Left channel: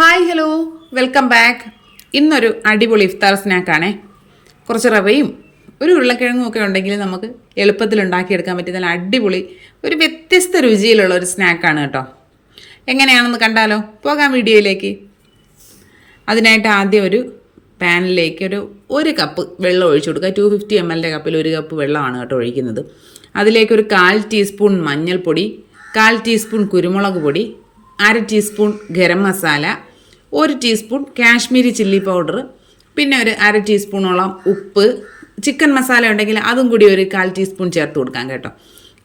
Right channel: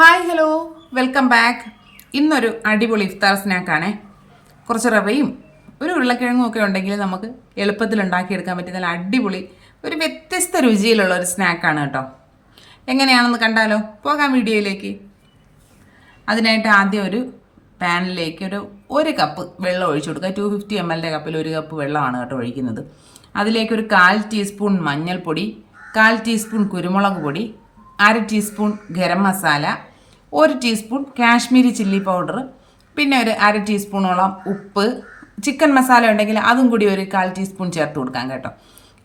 Hi hello welcome back. ഇന്നൊരു അടിപൊളി ഇഫ്താർ സ്നാക്കാണേ. കുറച്ച് റവയും ഒരു ഉരുളക്കിഴങ്ങും ഒക്കെ ഉണ്ടെങ്കിൽ നമുക്ക് എളുപ്പത്തിൽ ഉണ്ടാക്കിയെടുക്കാൻ പറ്റിയ നല്ല അടിപൊളി ഒരു വ്യത്യസ്ത രുചിയിലുള്ള ഒരു സ്നാക്കാണ് കേട്ടോ. എങ്ങനെയാണെന്ന് കണ്ടാലോ? പോകാം വീഡിയോയിലേക്ക്. അതിനായിട്ട് ആദ്യം ഒരു പാനിലേക്ക് ഒരു കപ്പ് വെള്ളം ഒഴിച്ചു കൊടുക്കുക. 250 ml കപ്പിൽ ഒരു കപ്പ് വെള്ളമാണ് കേട്ടോ ഒഴിക്കുന്നത്. അതിലേക്ക് ഒരു 1/4 ടീസ്പൂൺ മഞ്ഞൾപ്പൊടി, 1/4 ടീസ്പൂൺ കുരുമുളക് പൊടി, 1/2 teaspoon garam masala, 1 teaspoon Kashmiri chilli powder, പിന്നെ ഒരു 1/2 ടീസ്പൂണോളം ഉപ്പ്, ചിക്കൻ മസാല ഉണ്ടെങ്കിൽ അതും കൂടി ഒരു 1/4 ടീസ്പൂൺ ചേർത്ത് കൊടുക്കാം കേട്ടോ.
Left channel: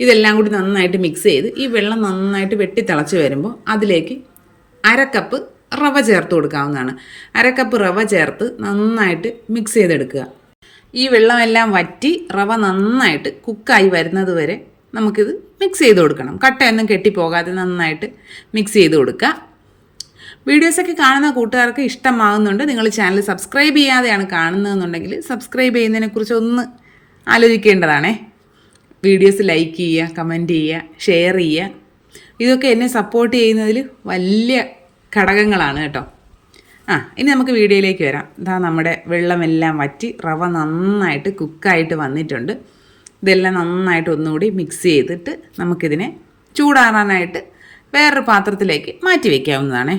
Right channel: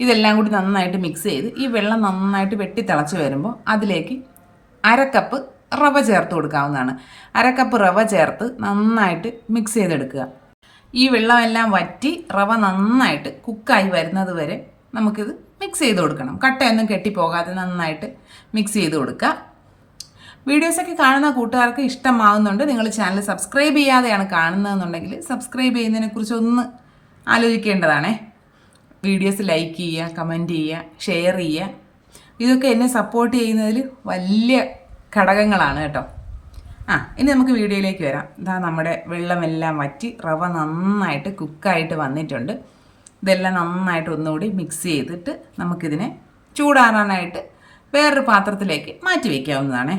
ഇതെല്ലാം കൂടി നന്നായിട്ട് മിക്സ് ചെയ്ത് ഈ വെള്ളം നന്നായിട്ട് വെട്ടി തിളച്ച് വരുമ്പോൾ അതിലേക്ക് 1/2 കപ്പ് റവ ചേർത്ത് കൊടുക്കാവുന്നതാണ്. 1/2 കപ്പ് റവ ചേർത്ത് നന്നായിട്ട് മിക്സ് ചെയ്തെടുക്കുക. ഈ വെള്ളമെല്ലാം വറ്റി റവ നന്നായിട്ട് കുക്കായി വരുന്നത് വരെ നമുക്കിത് മിക്സ് ചെയ്ത് കൊടുക്കണം. കട്ടയൊന്നും കെട്ടിപ്പോകാതെ നന്നായിട്ട് മിക്സ് ചെയ്ത് കൊടുക്കുക. വീഡിയോസൊക്കെ കാണുന്ന കൂട്ടുകാർക്ക് ഇഷ്ടമാകുന്നുണ്ട്. നിങ്ങൾ ചാനൽ സബ്സ്ക്രൈബ് ചെയ്യാതെയാണ് കാണുന്നതെന്നുണ്ടെങ്കിൽ സബ്സ്ക്രൈബ് ചെയ്യുന്നതിനെക്കുറിച്ച് ഒന്ന് ആലോചിക്കേണ്ടതാണേ. വീഡിയോസ് ലൈക്ക് ചെയ്യുക, കമൻറ്റ് ചെയ്യുക, ഷെയർ ചെയ്യുക. ഇതൊക്കെ എന്നെ സപ്പോർട്ട് ചെയ്യുന്നതിൽ വലിയ ഘടകങ്ങളാണ് കേട്ടോ. ഇനി നമുക്ക് വീഡിയോയിലേക്ക് വരാം. ഇതാ നമ്മുടെ വെള്ളമെല്ലാം വറ്റി റവ നന്നായിട്ട് കുക്കായിട്ട് വന്നിട്ടുണ്ട്. ഇതെല്ലാം നന്നായിട്ട് ഒന്നുകൂടി മിക്സ് ചെയ്തിട്ട് നമുക്കിതിനെ ചൂടാറാനായിട്ട് വേറൊരു പാത്രത്തിലേക്ക് മാറ്റി വയ്ക്കാവുന്നതാണേ.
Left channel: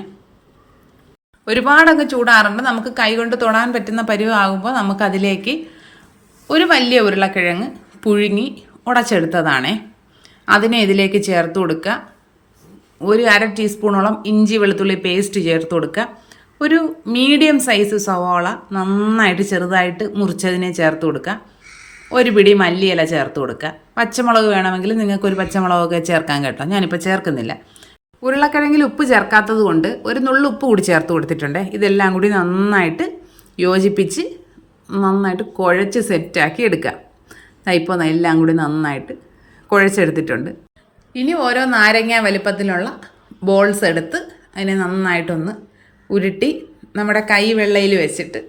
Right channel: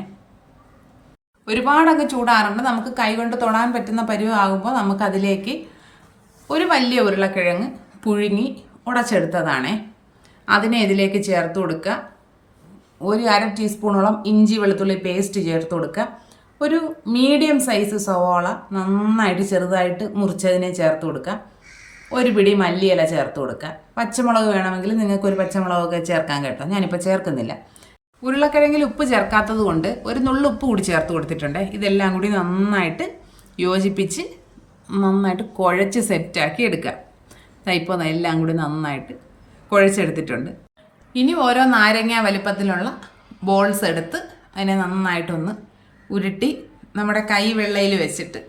ഒരുപാടൊക്കെ ചൂടാറുണ്ട്. നമുക്ക് കൈകൊണ്ട് തൊടാൻ പറ്റുന്ന പരുവാകുമ്പോൾ നമുക്കതിലേക്ക് ഒരു വലിയ ഉരുളക്കിഴങ്ങ് പുഴുങ്ങി ഉടച്ചെടുത്തതാണേ. അതിനെ ഇതിലേക്ക് ചേർത്ത് കൊടുക്കുക. ഒരു 1/2 ടീസ്പൂണോളം ഇഞ്ചി വെളുത്തുള്ളി പേസ്റ്റ് ചേർത്ത് കൊടുക്കുക. ഒരു മീഡിയം സൈസ് സവാള നന്നായിട്ട് ചെറുതായിട്ട് മുറിച്ചതിനെ ചേർത്ത് കൊടുക്കുക. ഒരു പിടി മല്ലിയില ചേർത്ത് കൊടുക്കുക. പച്ചമുളക് വേണമെങ്കിൽ നിങ്ങൾക്കൊരു പച്ചമുളകൊക്കെ ചേർക്കാൻ കേട്ടോ. ഞാനിപ്പോൾ ചേർക്കുന്നില്ല. ഉരുളക്കിഴങ്ങിൽ ഉപ്പ് ചേർക്കാത്തത് കൊണ്ട് ഒരു നുള്ളു ഉപ്പ് കൂടി ചേർത്ത് കൊടുത്തിട്ടുണ്ട്. ഇതെല്ലാം കൂടി നന്നായിട്ട് യോജിപ്പിച്ച് നന്നായിട്ട് കുഴച്ച് സെറ്റാക്കി എടുക്കുക. ഇപ്പോൾ എല്ലാം കൂടി നന്നായിട്ട് കുഴച്ചെടുത്തിട്ടുണ്ട്. ഇനി ഓരോ നാരങ്ങ വലിപ്പത്തിലുള്ള ബോൾസ് എടുത്ത് അതിനെ നന്നായിട്ടൊന്ന് ഉരുട്ടി നമ്മുടെ കൈ വെള്ളയിൽ വെച്ചിട്ട്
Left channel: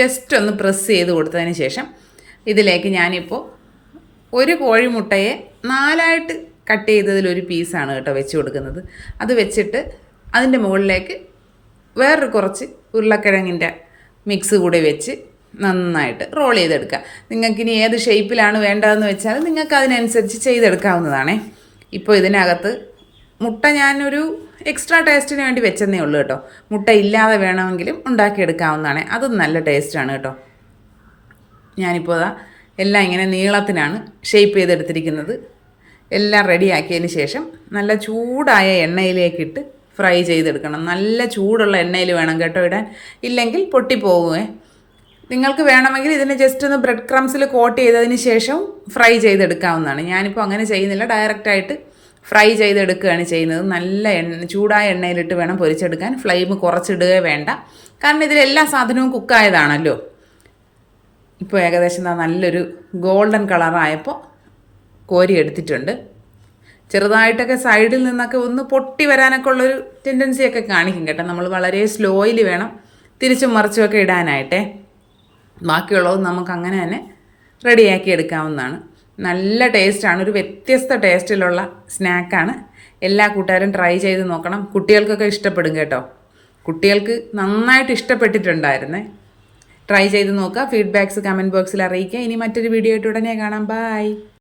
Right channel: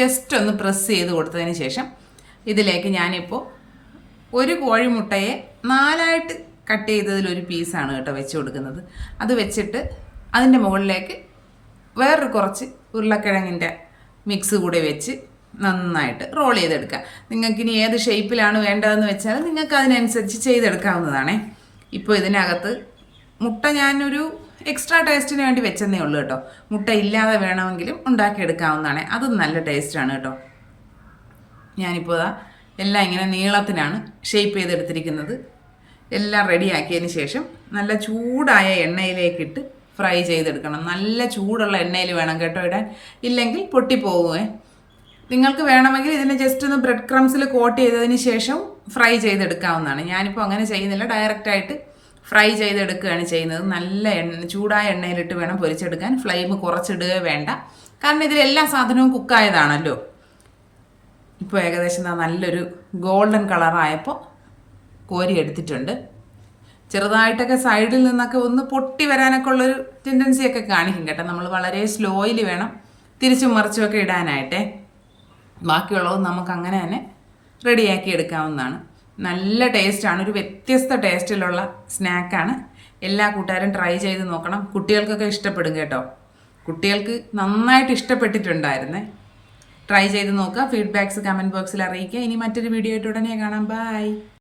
ജസ്റ്റ് ഒന്ന് പ്രസ് ചെയ്ത് കൊടുത്തതിന് ശേഷം ഇതിലേക്ക് ഞാനിപ്പോൾ ഒരു കോഴിമുട്ടയെ 4ആയിട്ട് കട്ട് ചെയ്തതിലൊരു പീസാണ് കേട്ടോ വെച്ച് കൊടുക്കുന്നത്. അത് വെച്ചിട്ട് അതിൻ്റെ മുകളിലേക്ക് വേറൊരു കുറച്ച് ഉരുളക്കിഴങ്ങിൻ്റെ മിക്സ് കൂടി വെച്ച് നന്നായിട്ട് റോൾ ചെയ്തെടുക്കുക. നിങ്ങൾക്കിനി ഏത് ഷേപ്പിലാണ് വേണ്ടതെന്ന് വെച്ചാൽ നിങ്ങൾക്ക് അതിനനുസരിച്ച് ചെയ്തെടുക്കാവുന്നതാണേ. ഇപ്പോൾ ഇതിനകത്ത് മുട്ട ഞാനൊരു എക്സ്ട്രാ ടേസ്റ്റിന് വേണ്ടി വെച്ചെന്നേ ഉള്ളൂ കേട്ടോ. മുട്ട ഇല്ലാതെ വേണമെങ്കിലും ഉണ്ടാക്കിയെടുക്കാവുന്നതാണ്. അതും നല്ല ടേസ്റ്റാണ് കേട്ടോ. ഞാനിപ്പോൾ എല്ലാം ഇങ്ങനെ നീളത്തിനാണ് ഷേപ്പ് ചെയ്തെടുത്തിരിക്കുന്നത്. എല്ലാം റെഡിയാക്കിയതിന് ശേഷം നല്ല ചൂടായ എണ്ണയിലേക്കിട്ട് ഫ്രൈ ചെയ്തെടുക്കണം. നല്ല ചൂടുള്ള എണ്ണയിൽ വേണം കേട്ടോ ഇടാൻ, ഇല്ലെങ്കിൽ പൊട്ടിപ്പോവുമേ. നിങ്ങൾക്ക് വേണമെങ്കിൽ ഇതിന് ജസ്റ്റ് ഒന്ന് ബ്രെഡ് ക്രംസിൽ കോട്ട് ചെയ്തതിന് ശേഷം ഫ്രൈ ചെയ്തെടുക്കാവുന്നതാണ്. ഞാനിപ്പോൾ അങ്ങനെ ചെയ്യുന്നില്ല, ഡയറക്റ്റായിട്ട് ഫ്രൈ ചെയ്തെടുക്കുകയാണ് ചെയ്യുന്നത്. നല്ല ചൂടായ എണ്ണയിലിട്ട് വേണം പൊരിച്ചെടുക്കാൻ. ഫ്ലെയിം കുറച്ചിടുകയേ വേണ്ട, കാരണം ഇതിലെല്ലാ സാധനവും കുക്കായതാണല്ലോ. ഇപ്പോൾ ഏകദേശം നല്ലൊരു ഗോൾഡൻ കളറായപ്പോൾ കോരി എടുത്തിട്ടുണ്ട്. ചെറുതായിട്ടൊക്കെ സൈഡിൽ നിന്നൊക്കെ ഒന്ന് പൊട്ടി വരാനൊക്കെ ഉള്ളൊരു ടെൻഡൻസിയൊക്കെ കാണിക്കും കേട്ടോ. നമ്മൾ വളരെ സ്ലോയിൽ വേണം തിരിച്ചും മറിച്ചുമൊക്കെ ഇടാനായിട്ടേ. ബാക്കിയുള്ളത് നമുക്ക് അങ്ങനെ തന്നെ റെഡിയാക്കി എടുക്കാവുന്നതാണ്. നല്ല ടേസ്റ്റാണ്, ഒരു വ്യത്യസ്ത ടേസ്റ്റിലുള്ള സ്നാക്കാണ്. എല്ലാ കൂട്ടുകാരും ട്രൈ ചെയ്ത് നോക്കണം. കുട്ടികൾക്കൊക്കെ ഇഷ്ടപ്പെടും കേട്ടോ. കുട്ടികൾക്ക് നന്നായിട്ട് ഇഷ്ടപ്പെട്ടിട്ടുണ്ടായിരുന്നേ. ട്രൈ ചെയ്ത് നോക്കുക. ഫീഡ്ബാക്ക്സ് കമൻറ്റ് ബോക്സിൽ അറിയിക്കുക. ഇനി മറ്റൊരു വീഡിയോ ആയിട്ട് ഉടനെ കാണാം. ബൈ.